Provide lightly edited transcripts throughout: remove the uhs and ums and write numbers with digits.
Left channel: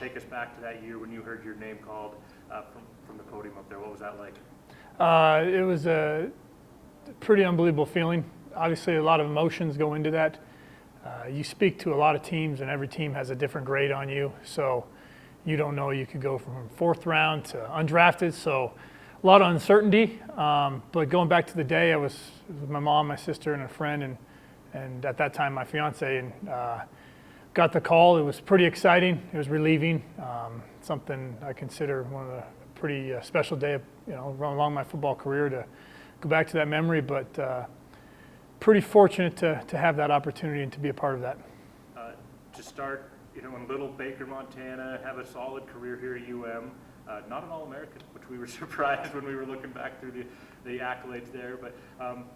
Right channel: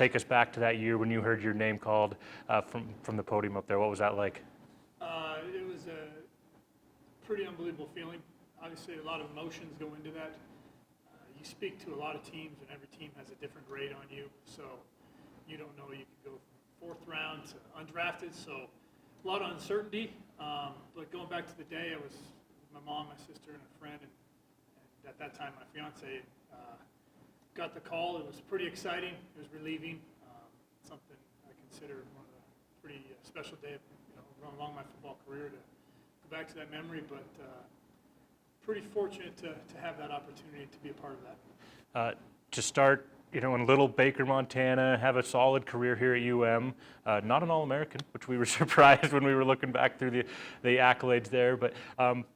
take us back to that year when you heard your name called from the podium up there. What was that like? It was a pretty unbelievable feeling. Obviously, a lot of emotions go into that. You speak to a lot of teams, and every team has a different grade on you. So you don't know. You could go from 4th round to undrafted. So a lot of uncertainty. But going back to the day, I was with my mom, my sister, and a friend, and at that time my fiance, and got the call. It was pretty exciting. It was relieving. Something I consider one of the pretty special day, along my football career to go back to that memory. But pretty fortunate to have that opportunity and to be a part of that. To start, in little Baker, Montana, have a solid career here at UM. Not an All-American, which we were surprised when we were looking back through the accolades there. But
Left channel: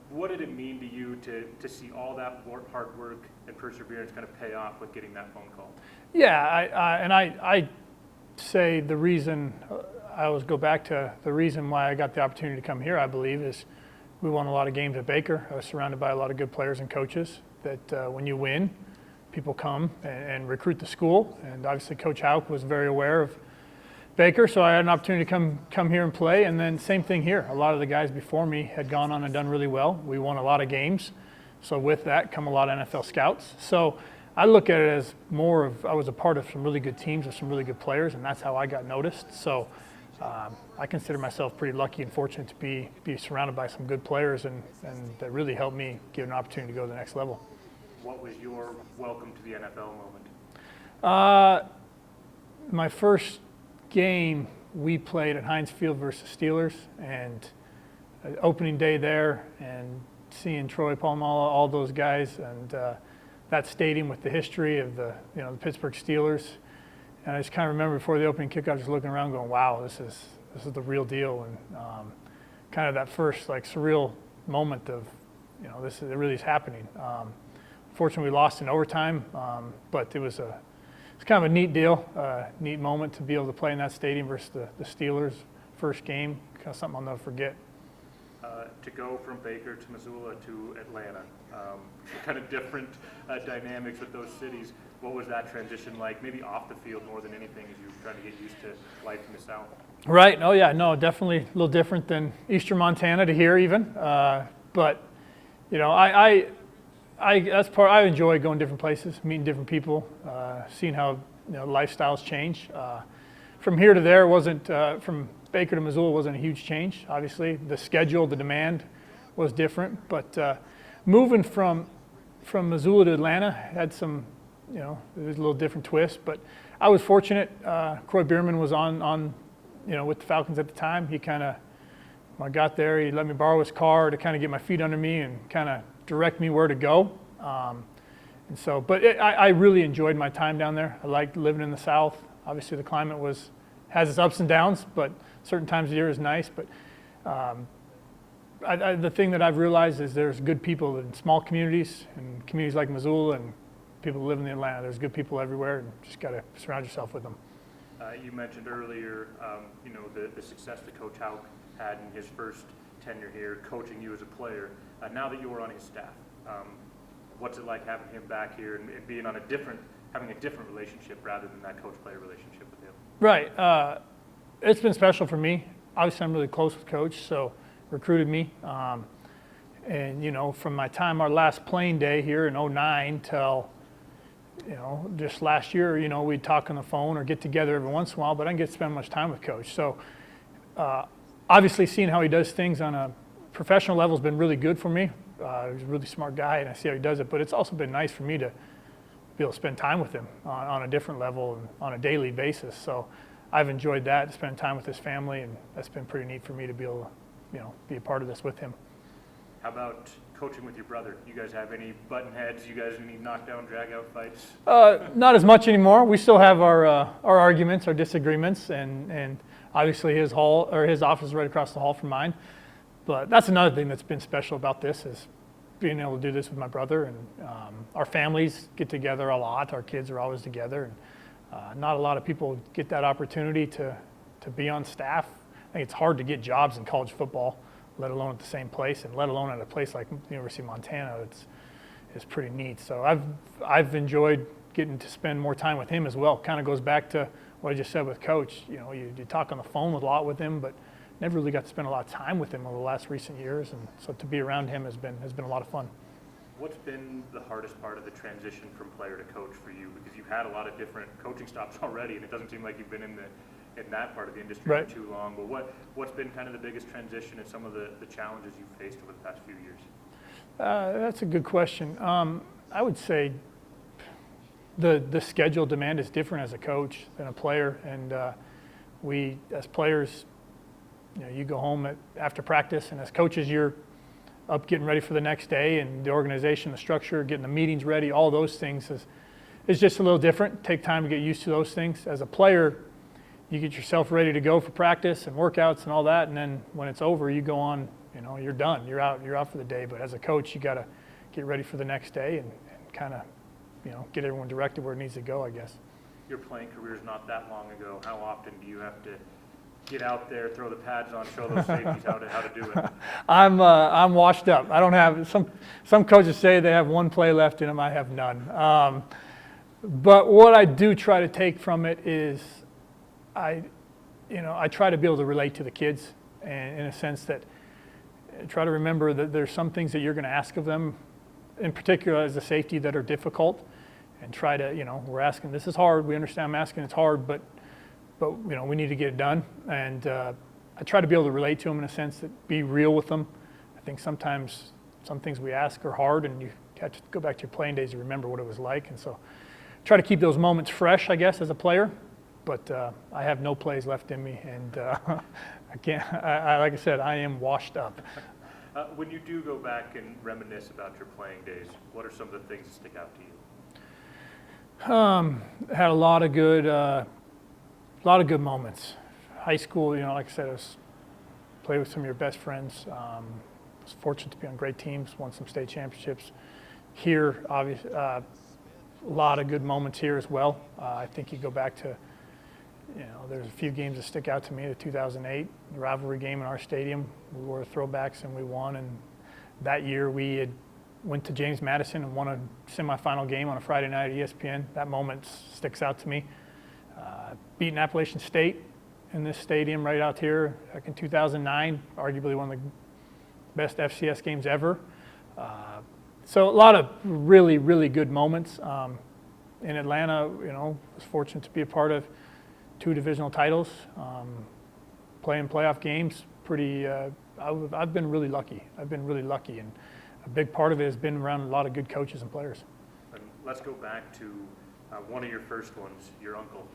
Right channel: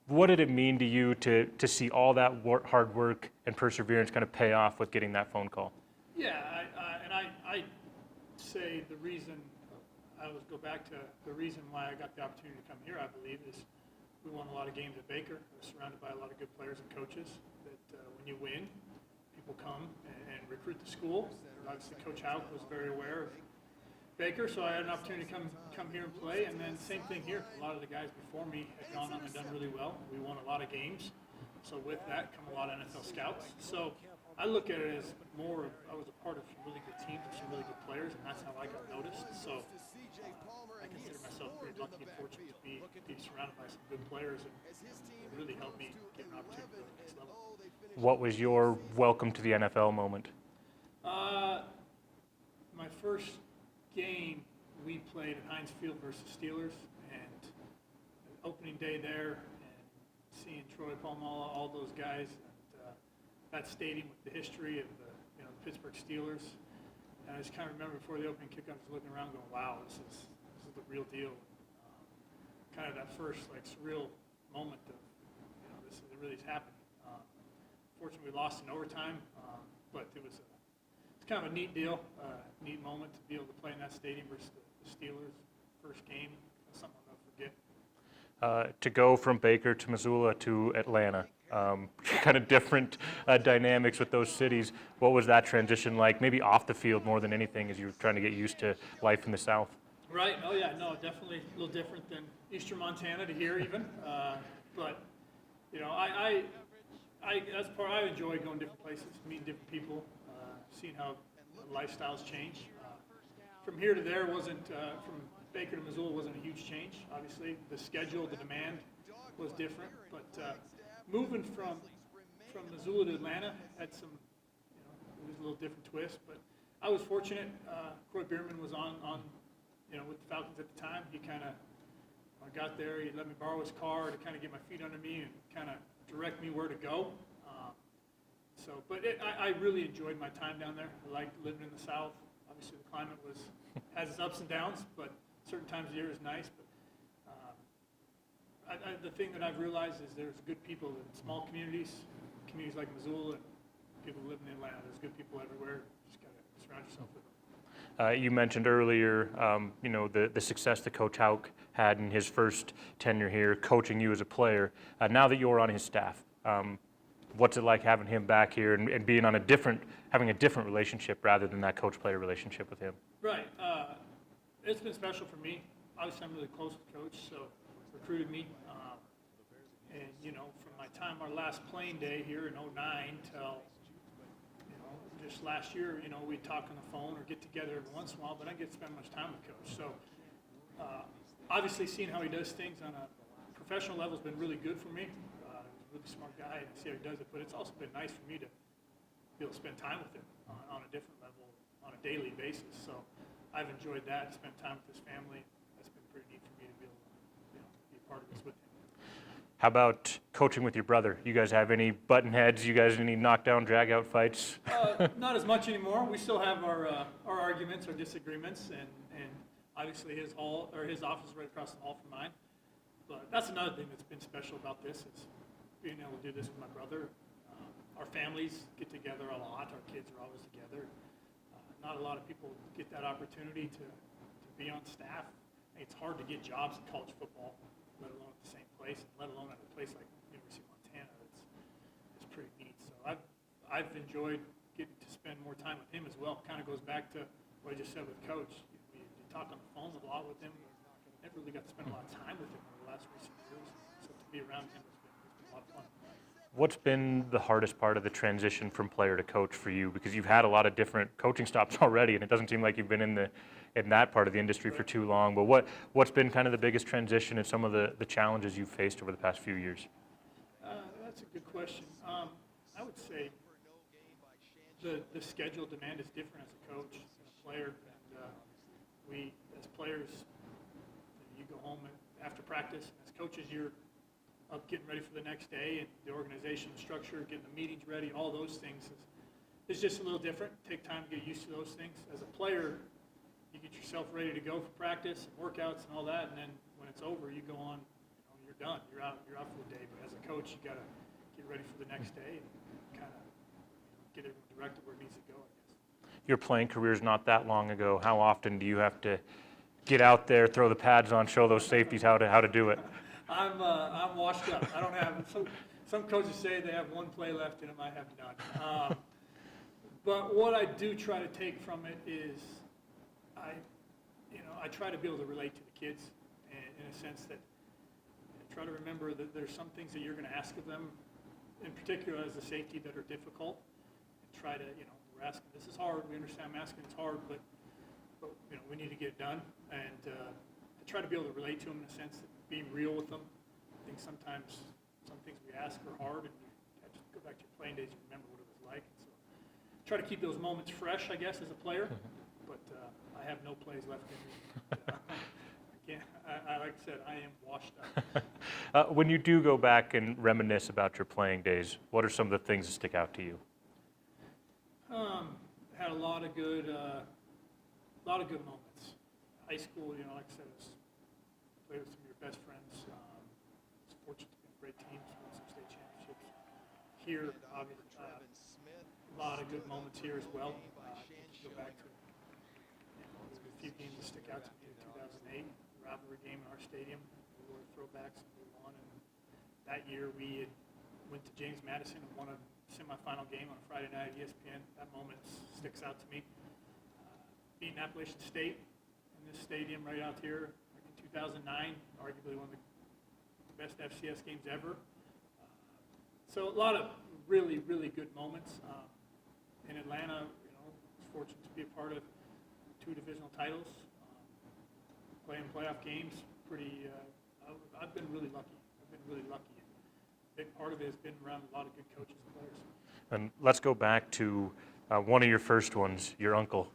what did it mean to you to see all that hard work and perseverance kind of pay off with getting that phone call? Yeah, I say the reason, I always go back to the reason why I got the opportunity to come here, I believe, is we won a lot of games at Baker. I was surrounded by a lot of good players and coaches that when you win, people come and recruit the school. And obviously Coach Houck was very aware of Baker, so I had an opportunity to come here and play. And then same thing here. A lot of the guys before me had gone on and done really well. We won a lot of games. So with that come a lot of NFL scouts. So I look at it as more of, I was a part of some really good teams with some really good players, and that's how I got noticed. So I consider myself pretty lucky and fortunate to be surrounded by some good players and that really helped me get an opportunity to go to the next level. What was your welcome to the NFL moment? My first game we played at Heinz Field versus Steelers, and opening day there, and seeing Troy Polamalu, all those guys, and that stadium with the history of the Pittsburgh Steelers. And I just kind of remember before the opening kickoff, just looking around, going, "Wow, this is the real deal." And kind of that first surreal moment of, it really is happening. Fortunately, we lost in overtime, but it's kind of a neat deal, neat moment to be able to play in that stadium versus the Steelers' first game. Kind of something I'll never forget. To go from Baker to Missoula to Atlanta, kind of different dynamics with those cities. What was that transition like? Maybe off the field more than anything, as you were trying to get used to life in the South. Right. Oh yeah. No, definitely a little different than Eastern Montana to here even. But I enjoy going different places, meeting different people, seeing how lifestyles change. From here to there wasn't from Baker to Missoula wasn't a huge change. Obviously, the schedule, the demand was different, but moving from Missoula to Atlanta had some, it was a little different twist. But I was fortunate. Croy Bierman was on with the Falcons at the time. He kind of, when I got there, he let me borrow his car to kind of get my feet under me and kind of direct me where to go. And so, but I really enjoyed my time down there. I liked living in the South. Obviously, the climate has its ups and downs, but certain times of the year is nice. But the thing that I've realized is there's good people in small communities and communities like Missoula and people who live in Atlanta. There's good people everywhere, and just got to surround yourself with them. You mentioned earlier, the success that Coach Houck had in his first tenure here, coaching you as a player. Now that you're on his staff, what's it like having him back here and being on having a different relationship rather than that coach-player relationship with him? Right. It's been special for me. Obviously, I'm really close with Coach, so recruited me. And, from my time, our last playing day here in 2009 till, just last year, we'd talk on the phone or get together every once in a while, but I didn't get to spend much time with Coach. So obviously seeing how he does things on a professional level has been really good for me. He's a really smart guy, and I see how he does it, but it's also been nice for me to be able to spend time with him on a different level and on a daily basis. So I've enjoyed that, spending time with his family, and that's been pretty neat for me to be able to, be a part of this with him. How about coaching with your brother? You guys have any button heads? You guys any knockdown, drag-out fights? Not as much anymore. We still have our arguments, our disagreements, and obviously his office is right across the hall from mine. But that's another thing that's been special about this is being able to do this with my brother. And our families get together a lot. Our kids are always together. And not a lot of people get that opportunity to be on staff. I think it's hard to get jobs in college football, let alone at the same place, and let alone at a place like the University of Montana. It's pretty neat. So I've enjoyed getting to spend more time with him as well. Kind of goes back to what I just said with Coach, you talk on the phone a lot with him, but never really got to spend a lot of time with him over the last recent years, and so to be around him has been a lot of fun. What's been the hardest part of the transition from player to coach for you? Because you've had a lot of different coaching stops already, and it doesn't seem like you've been in that part of the industry Right. for too long. But what's been kind of the biggest transition and some of the challenges you've faced over the past few years? That's a good question. I would say the schedule demand is different as a coach than a player, and we as players, you go home after practice, and as coaches you're up getting ready for the next day, and the organization, the structure, getting the meetings ready, all those things is just a little different. Take time to get used to those things. As a player, you get yourself ready to go for practice and workouts and all that, and then when it's over, you go on, you're done. You're out for the day. But as a coach, you got to get ready for the next day and kind of, get everyone directed where it needs to go, I guess. Your playing career is not that long ago. How often do you have to get out there, throw the pads on, show those safeties how to do it? I'm washed up. I don't have some coaches say they have one play left in them. I have none. But what I do try to take from it is I try to be able to relate to the kids, and in a sense that try to remember that there's some things that you're going to ask of them, in particular as a safety, that are difficult, and try to, we're asking, this is hard. We understand I'm asking, it's hard, but we need to get it done. And I try to be able to relate to them in a sense that be real with them. I think sometimes some things we ask are hard, and you have to go back to your playing days to remember what it was like. And so try to keep those moments fresh, I guess, as a player. But I have no plays left in me, and I can't. Like I said, I am washed up. When you do go back and reminisce about your playing days, what are some of the things that stick out to you? Had a lot of good moments. High school, like I said, I played with some of your best friends. Was fortunate to be on great teams, won some state championships. Here, obviously, a lot of good moments here as well. I think you go back to, there's a few games that stick out to me. The 2008 rivalry game in our stadium, we wore throwbacks and we won. And that year we had went to James Madison and won a semifinal game on a Friday night at ESPN. That moment sticks out to me. Beating Appalachian State in this stadium right out here back in 2009, arguably one of the best FCS games ever. So a lot of really, really good moments. In Atlanta, was fortunate to be a part of 2 divisional titles, playing playoff games. I've been really lucky. And a big part of it has been around a lot of good coaches and players. And let's go back to one of your first ones, your uncle,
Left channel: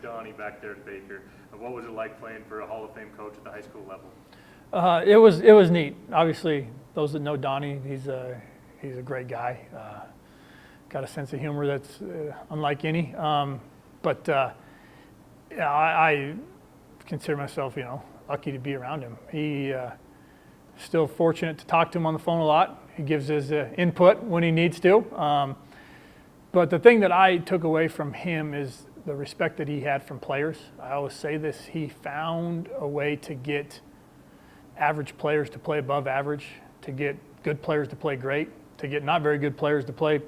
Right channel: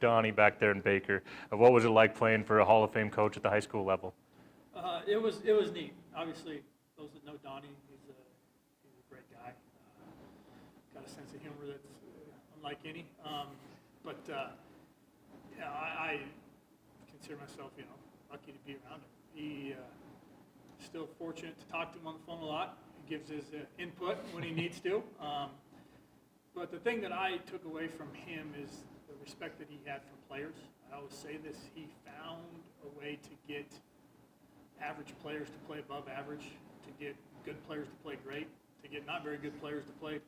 Donnie, back there in Baker. What was it like playing for a Hall of Fame coach at the high school level? It was neat. Obviously, those that know Donnie, he's a great guy. Got a sense of humor that's unlike any. I consider myself, lucky to be around him. He still fortunate to talk to him on the phone a lot. He gives his input when he needs to. But the thing that I took away from him is the respect that he had from players. I always say this, he found a way to get average players to play above average, to get good players to play great, to get not very good players to play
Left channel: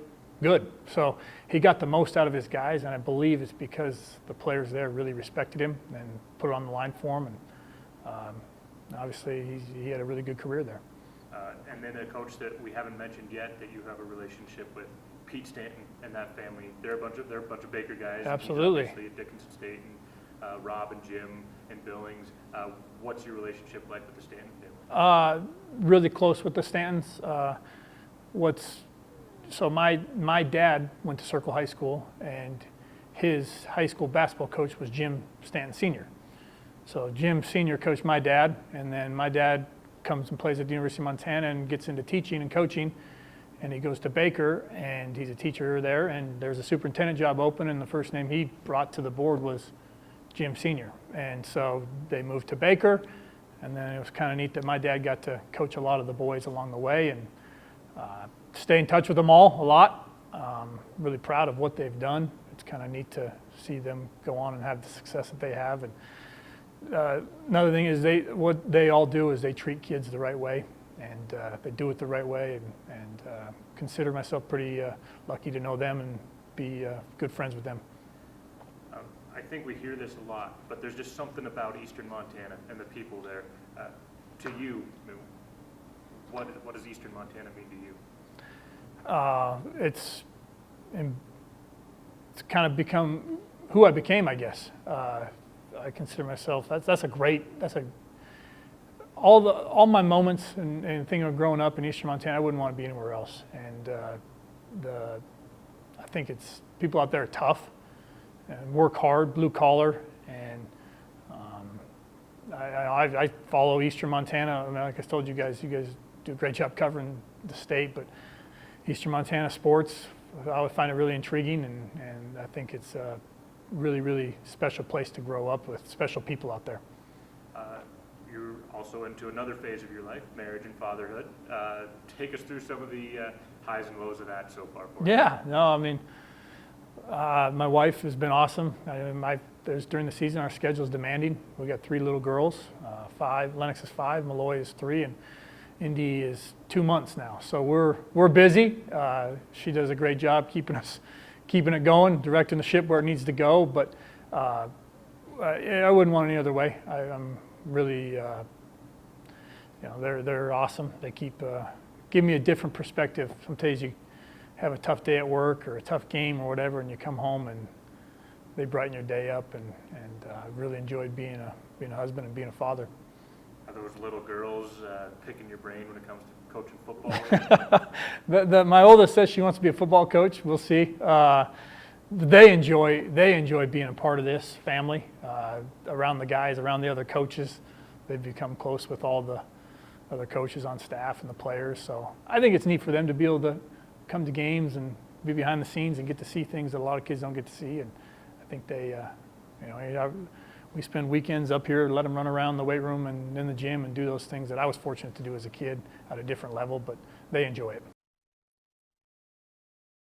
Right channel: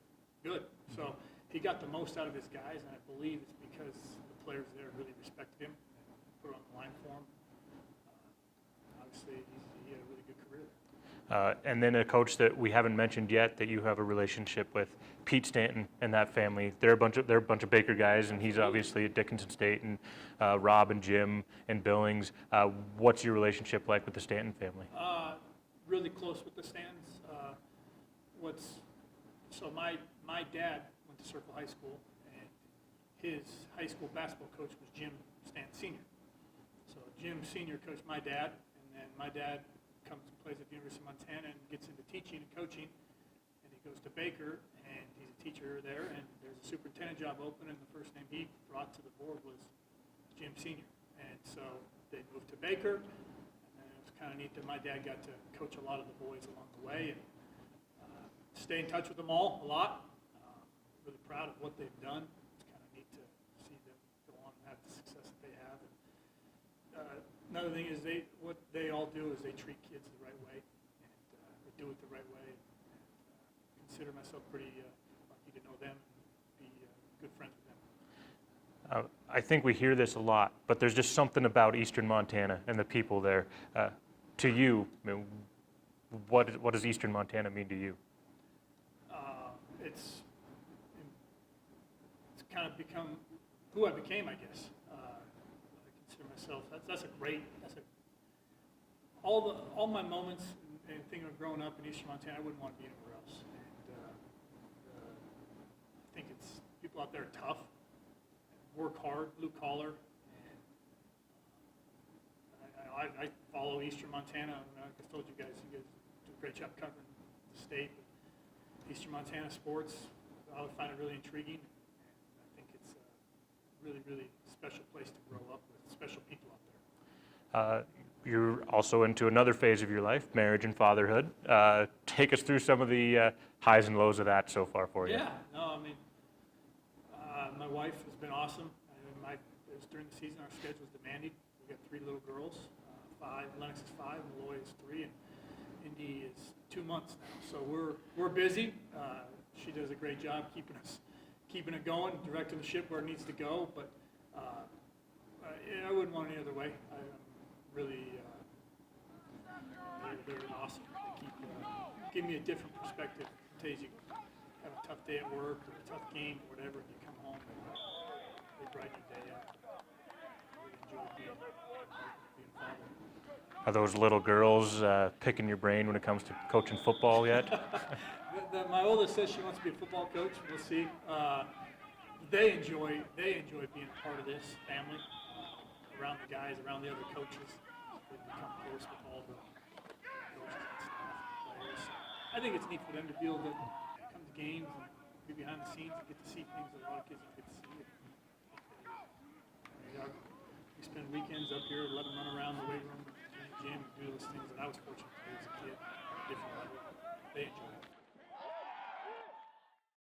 good. So he got the most out of his guys, and I believe it's because the players there really respected him and put it on the line for him. And obviously he had a really good career there. And then a coach that we haven't mentioned yet that you have a relationship with, Pete Stanton and that family. They're a bunch of Baker guys, Absolutely. And he's obviously at Dickinson State, and Rob and Jim and Billings. What's your relationship like with the Stanton family? Really close with the Stantons. So my dad went to Circle High School, and his high school basketball coach was Jim Stanton Sr. So Jim Sr. coached my dad, and then my dad comes and plays at the University of Montana and gets into teaching and coaching, and he goes to Baker, and he's a teacher there, and there's a superintendent job open, and the first name he brought to the board was Jim Sr. And so they moved to Baker, and then it was kind of neat that my dad got to coach a lot of the boys along the way, and stay in touch with them all a lot. Really proud of what they've done. It's kind of neat to see them go on and have the success that they have. And another thing is what they all do is they treat kids the right way, and they do it the right way, and consider myself pretty lucky to know them and be good friends with them. I think we hear this a lot, but there's just something about Eastern Montana and the people there. To you, what does Eastern Montana mean to you? It's kind of become who I became, I guess. I consider myself, all my moments and thinking of growing up in Eastern Montana, I wouldn't want to be anywhere else. And I think it's, people out there are tough and work hard, blue collar, and I follow Eastern Montana. I mean, like I told you guys do a great job covering the state, but Eastern Montana sports, I would find it really intriguing, and I think it's a really, really special place to grow up with special people out there. You're also into another phase of your life, marriage and fatherhood. Take us through some of the highs and lows of that so far for you. Yeah, no, I mean, my wife has been awesome. During the season, our schedule is demanding. We got 3 little girls, 5. Lennox is 5, Malloy is 3, and Indy is 2 months now. So we're busy. She does a great job keeping it going, directing the ship where it needs to go. But I wouldn't want it any other way. I'm really, they're awesome. They give me a different perspective. Sometimes you have a tough day at work or a tough game or whatever, and you come home and they brighten your day up. And I really enjoyed being a husband and being a father. Are those little girls picking your brain when it comes to coaching football yet? My oldest says she wants to be a football coach. We'll see. They enjoy being a part of this family, around the guys, around the other coaches. They've become close with all the other coaches on staff and the players. So I think it's neat for them to be able to come to games and be behind the scenes and get to see things that a lot of kids don't get to see. And I think we spend weekends up here, let them run around the weight room and in the gym and do those things that I was fortunate to do as a kid at a different level, but they enjoy it.